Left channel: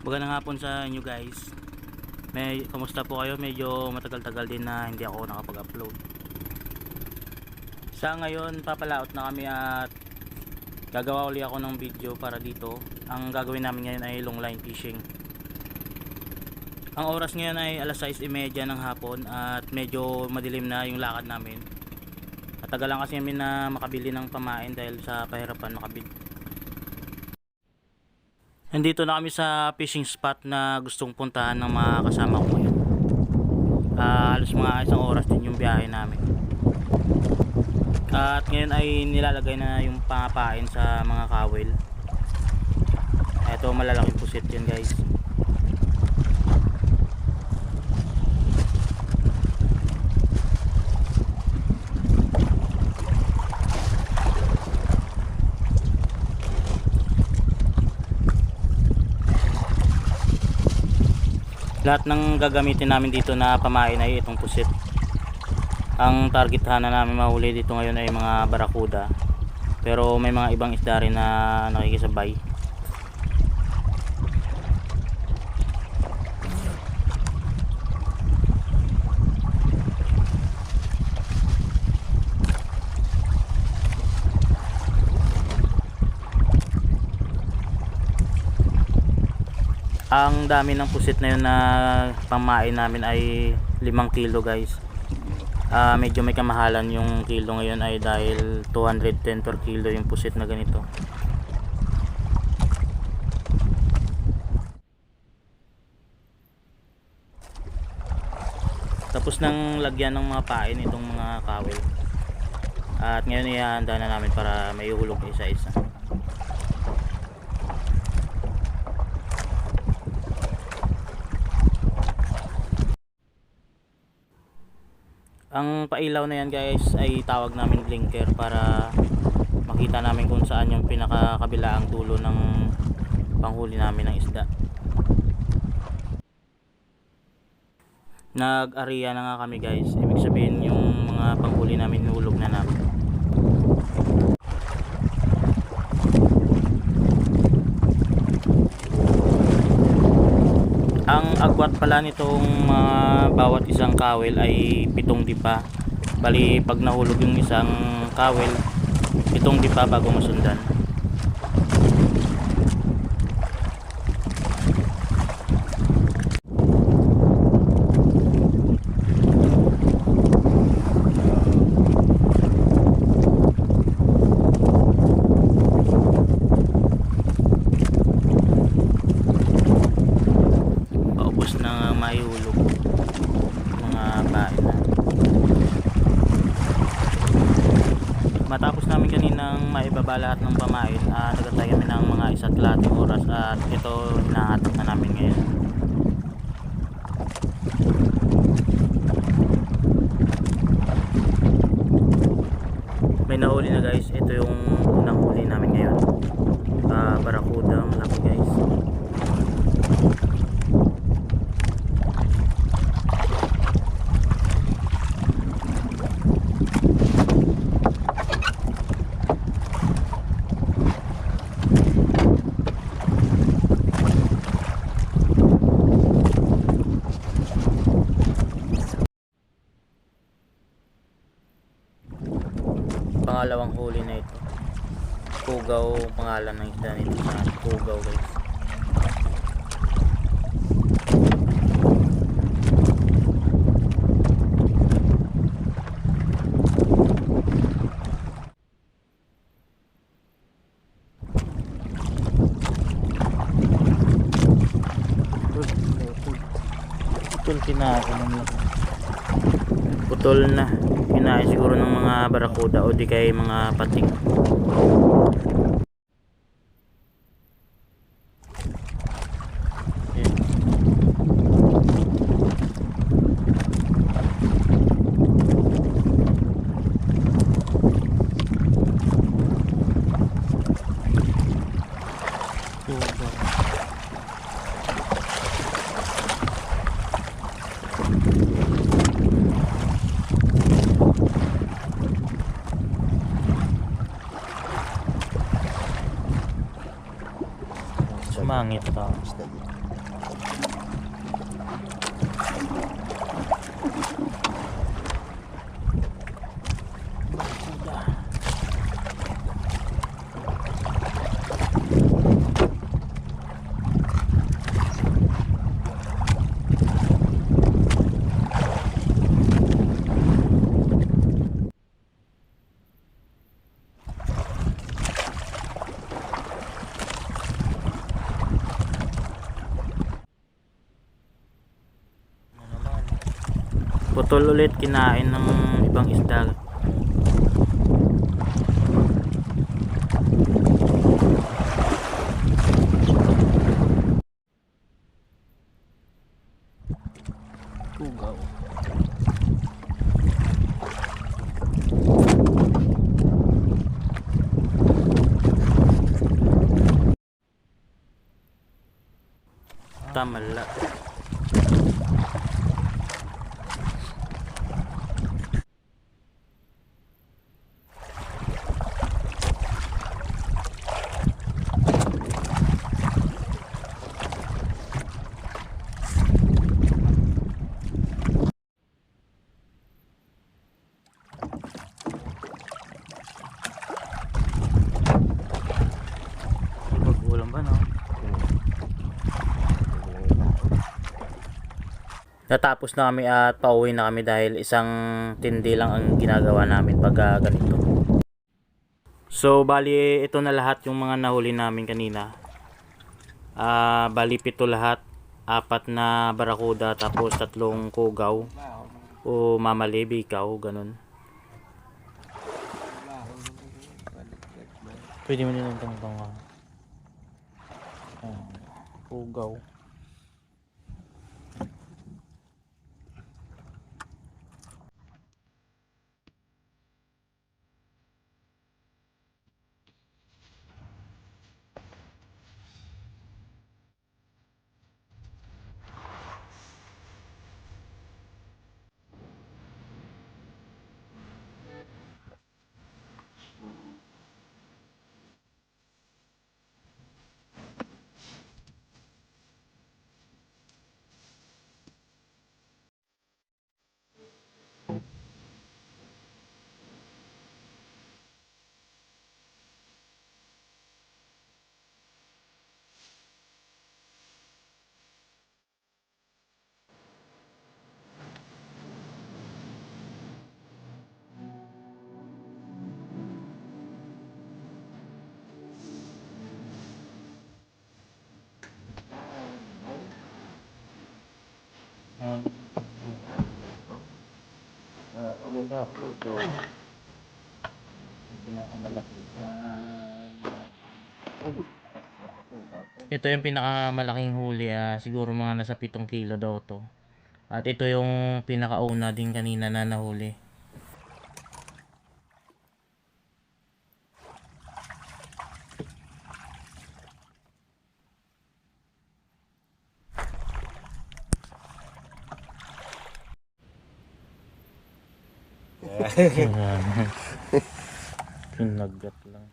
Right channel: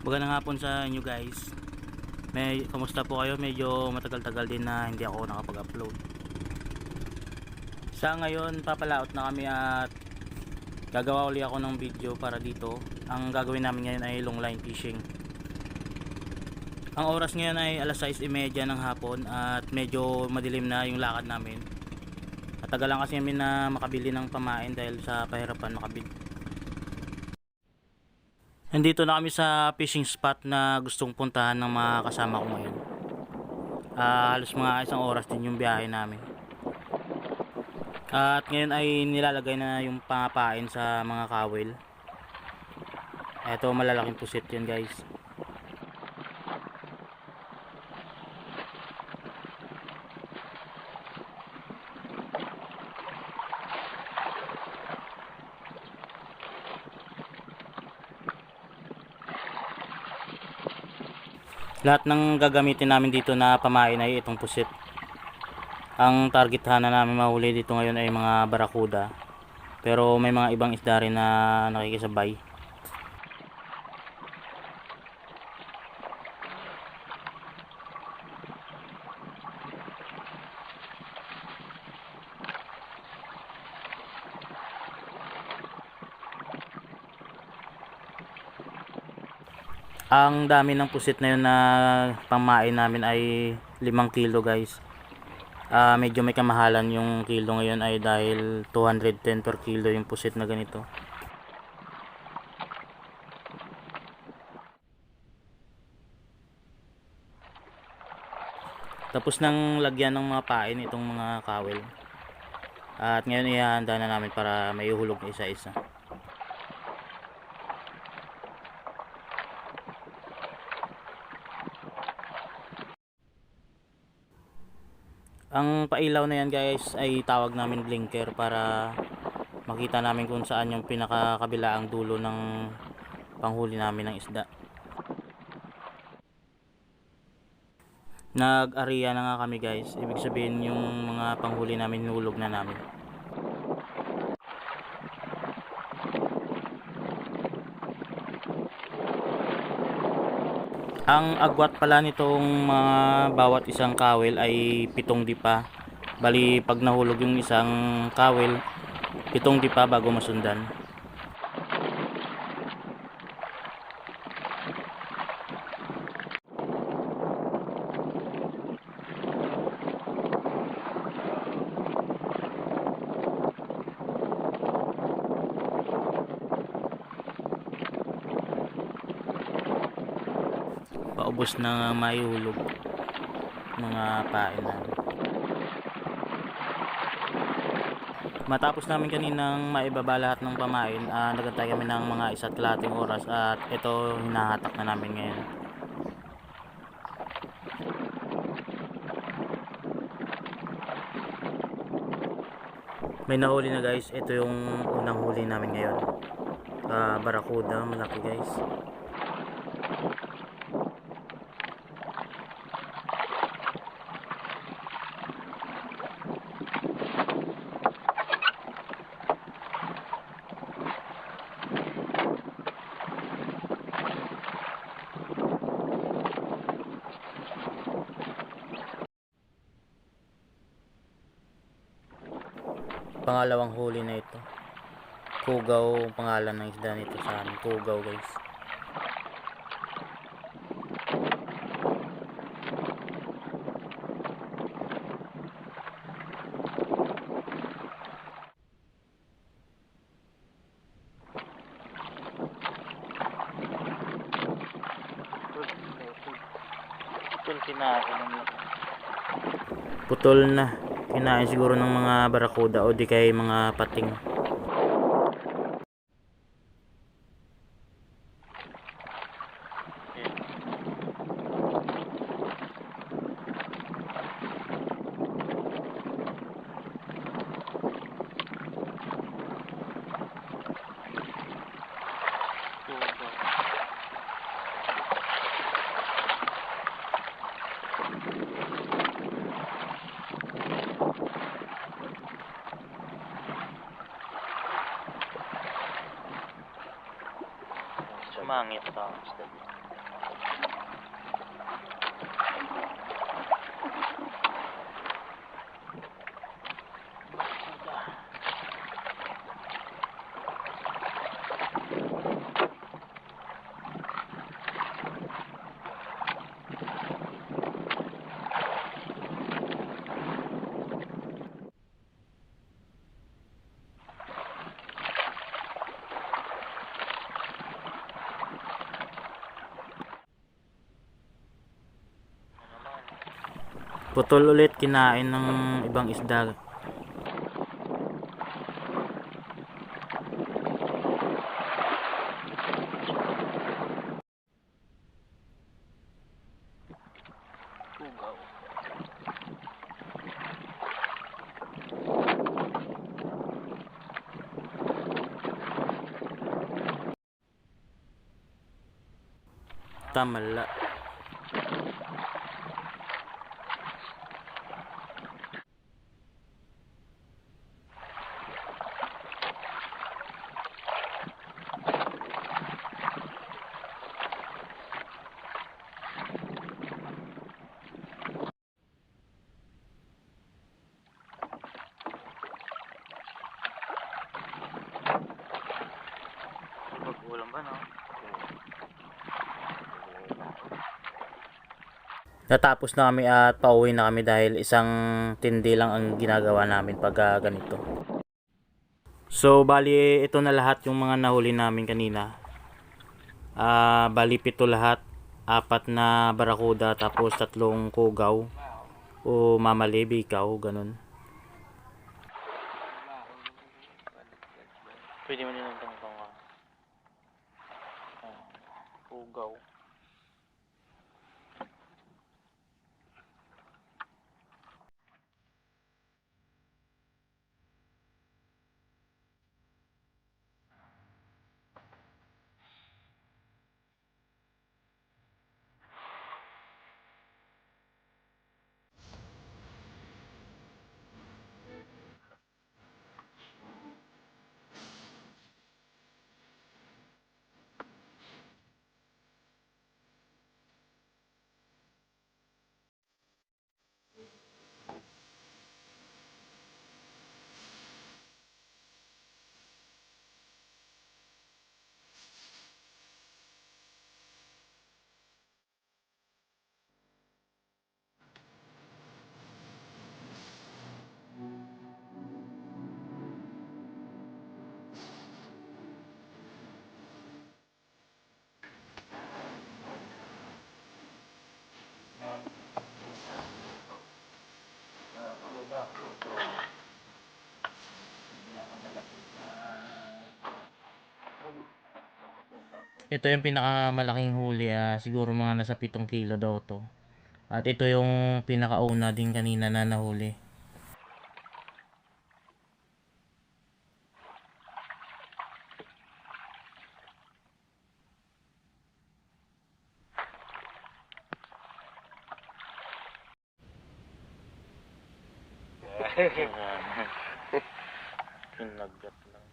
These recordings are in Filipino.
Magandang hapon sa inyo guys. Kamusta po kayo? Medyo matagal-tagal din na hindi ako nakapag-upload. Sa ngayon, papalaot na kami at gagawa uli ako ng video para dito. Ang gagawin namin ngayon ay long line fishing. Ang oras ngayon ay alas 6:30 ng hapon at medyo madilim na yung lakad namin. At tagal lang kasi kami na makabili ng pamain dahil sa kahirapan makabili. Nandito na kami sa fishing spot na gustong puntahan ng mga kasama ko ngayon. Halos mga isang oras din yung biyahe namin. At ngayon ay nilalagay na yung pangapain sa mga kawil. Ito malalaking pusit yan guys. Lahat ng gagamitin namin dito na pamain ay itong pusit. Ang targetahan na namin mahuli dito ngayon ay mga barakuda. Pero may mga ibang isda rin na nakikisabay. Ang dami ng pusit na yun na pamain namin ay 5 kilo guys. Medyo may kamahalan yung kilo ngayon ay dahil 210 per kilo yung pusit na ganito. Tapos nang lagyan ng mga pain itong mga kawil. At ngayon ihahanda na namin para may uhulog na isa-isa. Ang pailaw na yan guys ay tawag namin blinker para makita namin kung saan yung pinakakabilaang dulo ng panghuli namin ng isda. Nag-area na nga kami guys, ibig sabihin yung mga panghuli namin nulog na namin. Ang agwat pala nitong bawat isang kawil ay 7 dipa. Bali pag nahulog yung isang kawil, 7 dipa bago masundan. Paubos na mahihulog mga pain na. Matapos namin kaninang maibaba lahat ng pamain, nagatay kami ng mga 1.5 oras at ito hinahatak na namin ngayon. May nahuli na guys, ito yung unang huli namin ngayon. Barakuda, malaki guys. Pangalawang huli na ito. Kugaw pangalan ng isda nito sa amin. Kugaw guys. Putol na. Kinain siguro ng mga barakuda o di kay mga pating. Sumangit ka. Putol ulit, kinain ng ibang isda. Tamala. Ulam ba, no? Natapos na kami at pauwi na kami dahil isang tindi lang ang ginagawa namin pag ganito. So bali ito na lahat yung mga nahuli namin kanina. Bali 7 lahat, 4 na barakuda tapos 3 kugaw o mamali, bikaw, ganun. Pwede mo nilang tangtang kugaw. Ito yung pinakamalaking huli, siguro mga nasa 7 kilo daw to. At ito yung pinakauna din kanina na nahuli. Pinagat lang.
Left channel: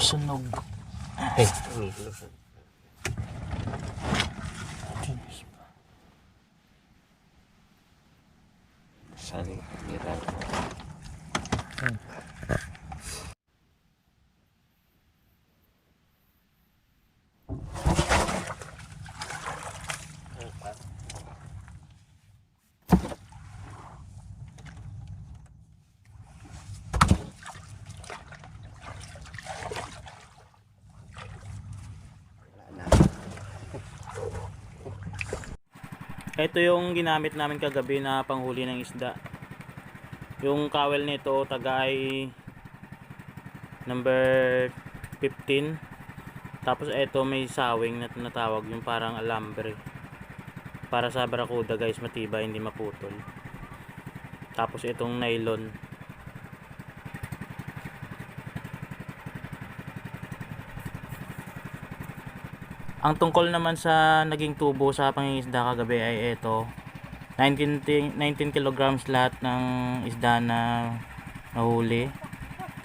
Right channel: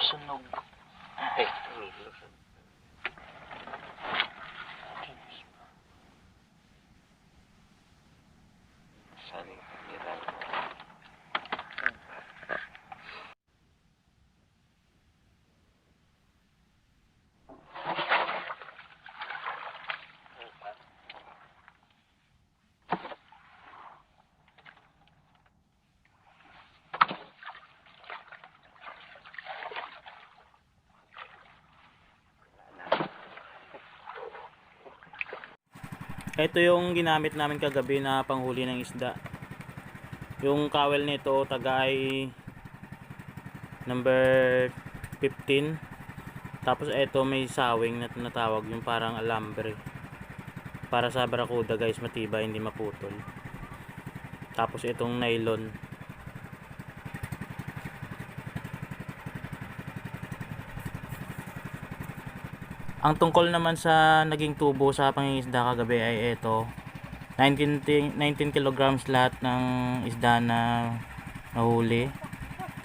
Sunog. Ay. Saling hirap. Ito yung ginamit namin kagabi na panghuli ng isda. Yung kawel nito tagay number 15. Tapos ito may sawing na tinatawag, yung parang alambre. Para sa barakuda guys, matibay, hindi maputol. Tapos itong nylon. Ang tungkol naman sa naging tubo sa pangingisda kagabi ay ito. 19 kilograms lahat ng isda na nahuli.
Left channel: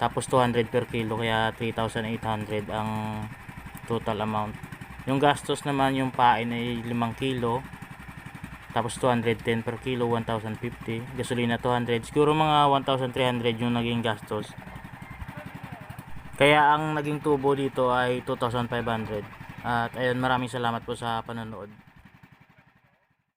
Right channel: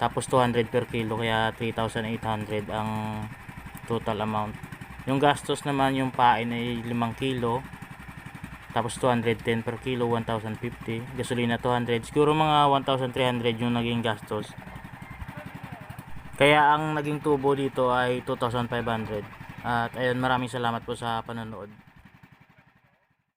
Tapos 200 per kilo, kaya 3,800 ang total amount. Yung gastos naman yung pain ay 5 kilo. Tapos 210 per kilo, 1,050. Gasolina 200. Siguro mga 1,300 yung naging gastos. Kaya ang naging tubo dito ay 2,500. At ayun, maraming salamat po sa panonood.